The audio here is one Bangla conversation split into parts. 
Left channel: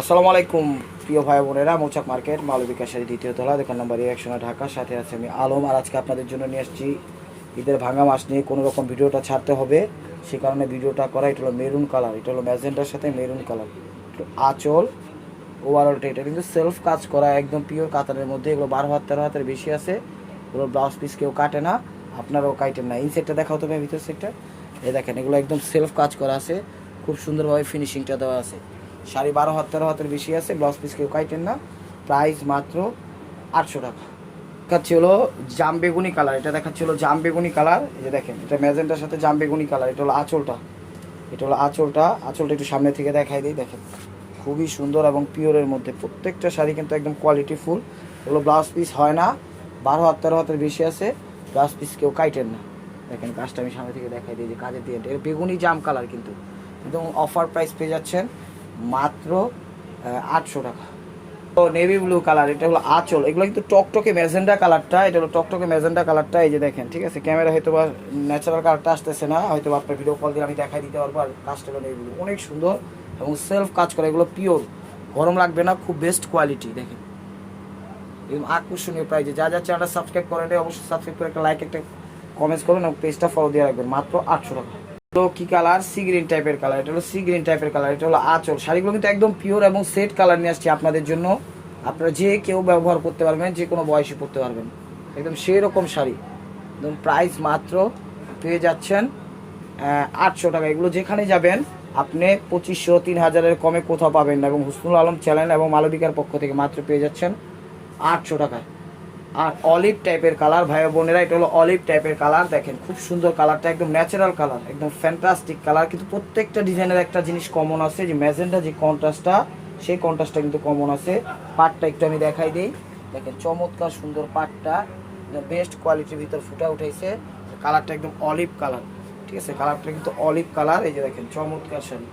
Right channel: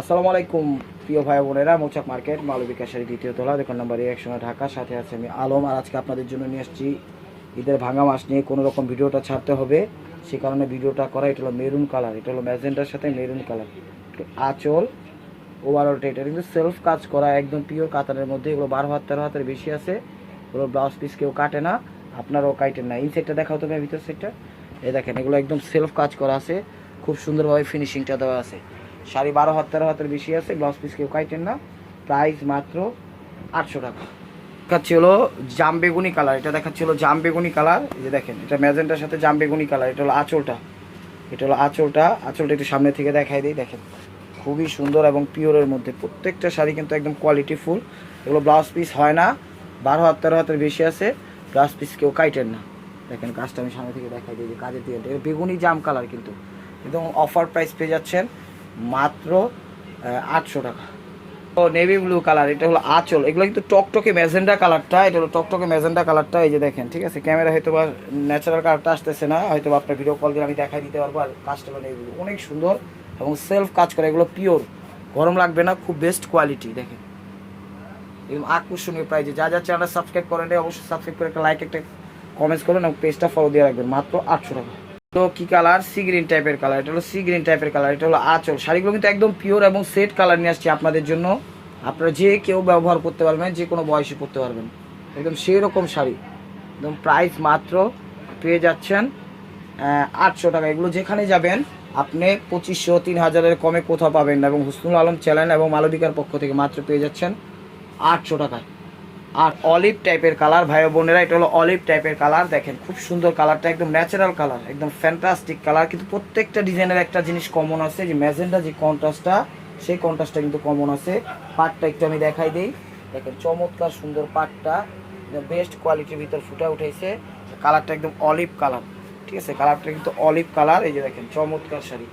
আসসালামু আলাইকুম প্রিয় ভাই বোনেরা, মৌচাক মার্কেট মালবিকা শাড়ি দ্বিতীয় তলা, দোকান নম্বর 101 ঢাকা। সাথে আছে আমি আলম। আর আজকে আপনাদের জন্য নিয়ে আসছি ঈদের ভাঙা মাস নিয়ে। কোনো রকম ভিডিওটা ছাড়তে হবে, সে কারণে ভিডিওটা করা। এটা হলো মেরুন কালার, এটা হলো ম্যাজেন্টার সাথে মেরুন কালার। তো আঁচল ওভারঅলটা এটা কিন্তু সেলফ কাজ করা, একদম পিওর কাতানের মধ্যে। এগুলো 12 হাত 13 হাতের বেশি আছে। এগুলো ব্লাউজ পিস কেউ কাটে না, আপনারাও কাটেন না। এই সেটটা দেখাও তো ভাই, ভিতর সেটটা এই দেখেন। এগুলো একদম সেলফ কাজ করা আছে, খুব সুন্দরভাবে ফিনিশিংটা দেওয়া আছে। শাড়ি 12 হাত 13 হাতের বেশি আছে, ব্লাউজ পিস কেউ কাটেন না। প্রাইস মাত্র 800 টাকা। দেখাচ্ছি হলো জাম বেগুনি কালার, এটা দেখাচ্ছি হলো জাম বেগুনি কালার। এই যে দেখেন, এটা ম্যাজেন্টার সাথে জাম বেগুনি কালার। এটা হলো আঁচলটা, এটা হলো আঁচলটা। আঁচলটা একটু সামনে থেকে দেখাই দিই। দেখেন খুবই সুন্দর এবং পিওরের মধ্যে। প্রত্যেকটা শাড়ি কিন্তু একদম কোয়ালিটি ফুল। এগুলো ব্লাউজ পিস হয় না, 12 হাত 13 হাতের বেশি আছে, ব্লাউজ পিস কেউ কাটেন না। দেখেন কাজটা আমি সামনে থেকে দেখাই দিই যে কাজের দিয়ে। বেগুনি জাম কালার কিন্তু একদম অফার প্রাইস পেয়ে যাচ্ছেন মাত্র 800 টাকা। তো নেভি ব্লু কালার, এটা হলো আঁচল। এগুলো কিন্তু টকটকে ম্যাজেন্ডা কালারটা, এটা হলো টকটকে ম্যাজেন্ডা কালারটা। এই যে দেখেন, ঠিক আছে, ক্যামেরা হয়তো বা ন্যাচারাল কালারটা আসতেছে না, হয়তো আপনার ভিডিও কল দিয়ে আমি দেখাই দিতে পারবো। আর কাজটা হলো নেভি ব্লু, অনেক সুন্দর এবং সেলফ কাজ করে। এগুলো পিওর, গরম লাগবে না, খুব বেস্ট কোয়ালিটি। দেখেন এবং আকর্ষণীয় প্রাইজে। যা যা চ্যানেলটা সাবস্ক্রাইব করেন অবশ্যই সাবস্ক্রাইব করে একটা লাইক একটা কমেন্টস করেন এবং পেজটা ফলো দিয়ে রাখবেন। মাত্র 800 টাকা। তো কি কালার? সি গ্রিন টাইপের কালার। এটা হলো সি গ্রিন টাইপের কালার, এটা হলো আঁচল। শাড়িগুলো কিন্তু একদম পিওর এবং সেট কালার নিয়ে আসছি আপনাদের জন্য। আপনারা যে কেউ ব্যবহার করতে পারবেন, যে কোনো বয়সে পরতে পারবেন, একদম সেই রকম শাড়ি। একদম প্রাইস মাত্র পেয়ে যাচ্ছেন 800 টাকা। এগুলো যেখানে যাবেন আপনি 2500 3000-এর কমে কোথাও পাবেন না। এবং হুসনুল আলম চ্যানেল এবং মালবিকার পক্ষ থেকে মাত্র পেয়ে যাচ্ছেন 800 টাকায়। আর অলিভ টাইপের কালার ভাই বোনেরা, এটা হলো অলিভ টাইপের কালার। দেখেন খুব সুন্দর কালারটা, একদম ন্যাচারাল কালার, একদম ফ্যান্টাস্টিক কালার। কিন্তু প্রত্যেকটা ডিজাইনের একটা জিনিস কমন আছে, যে ম্যাজেন্টা যে কন্ট্রাস্টটা, সেই কন্ট্রাস্টটা কিন্তু কমন আছে। পাটটা একটু আমি দেখাই দিই। দেখেন চমৎকার সুন্দর পাটটা, বেস্ট কোয়ালিটির ভিতর ফুটা উঠেছে। কালারটা একদম অলিভ কালার, ঠিক আছে, কালারটা কিন্তু অলিভ কালার। এই যে দেখেন চমৎকার শাড়ি,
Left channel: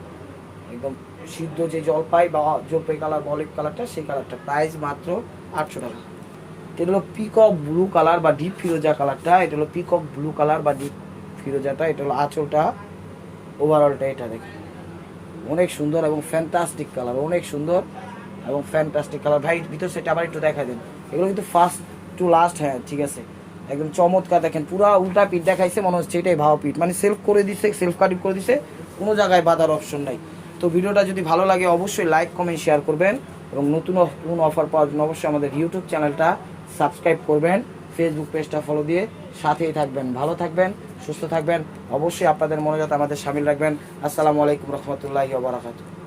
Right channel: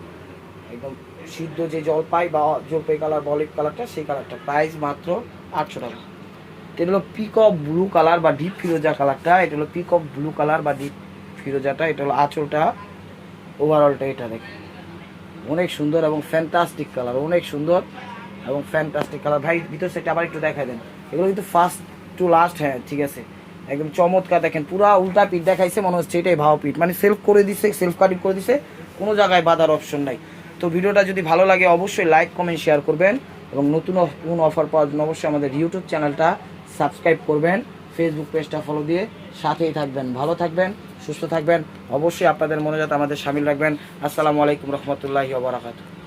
একদম সিদ্ধ যে জলপাই বা জলপাই কালার বা অলিভ কালারটা, সেই কালারটা। প্রাইস মাত্র 800 টাকা। এটা হলো পিকক ব্লু কালার বা ডিপ ফিরোজা কালারটা। এটা হলো পিকক ব্লু কালার বা ডিপ ফিরোজাটা। এটা হলো আঁচলটা, ওভারঅলটা এটা দেখেন অনেক সুন্দর এবং ফ্যান্টাস্টিক কালার, অনেক সুন্দর এবং ফ্যান্টাস্টিক কালার। ভাই ভিতর সেটা আবার একটু দেখা দেন। এগুলো কিন্তু ফার্স্ট টু লাস্ট, হ্যাঁ ঠিক আছে, একদম চমৎকার। দেখেন পুরা উল্টা পিঠ দেখাইছে, মনে হচ্ছে এটাই ভাও পিঠ, মানে সেলফ করে দিছে, সেলফ কাটিং করে দিছে, কোনো জায়গায় বাঁধার অপশন নাই। তো ভিডিওটা যদি ভালো লাগে অবশ্যই লাইক কমেন্ট শেয়ার করবেন এবং নতুন কোন অফার পাওয়ার জন্য অবশ্যই আমাদের ইউটিউব চ্যানেলটা সাবস্ক্রাইব করবেন, ফেসবুক পেজটা ফলো দিয়ে সাথেই থাকবেন। ভালো থাকবেন, সুস্থ থাকবেন, অবশ্যই আপনাদের মনোজাত আমাদের সামিল রাখবেন। আসসালামু আলাইকুম রহমতুল্লাহি ওয়া বারাকাতুহু।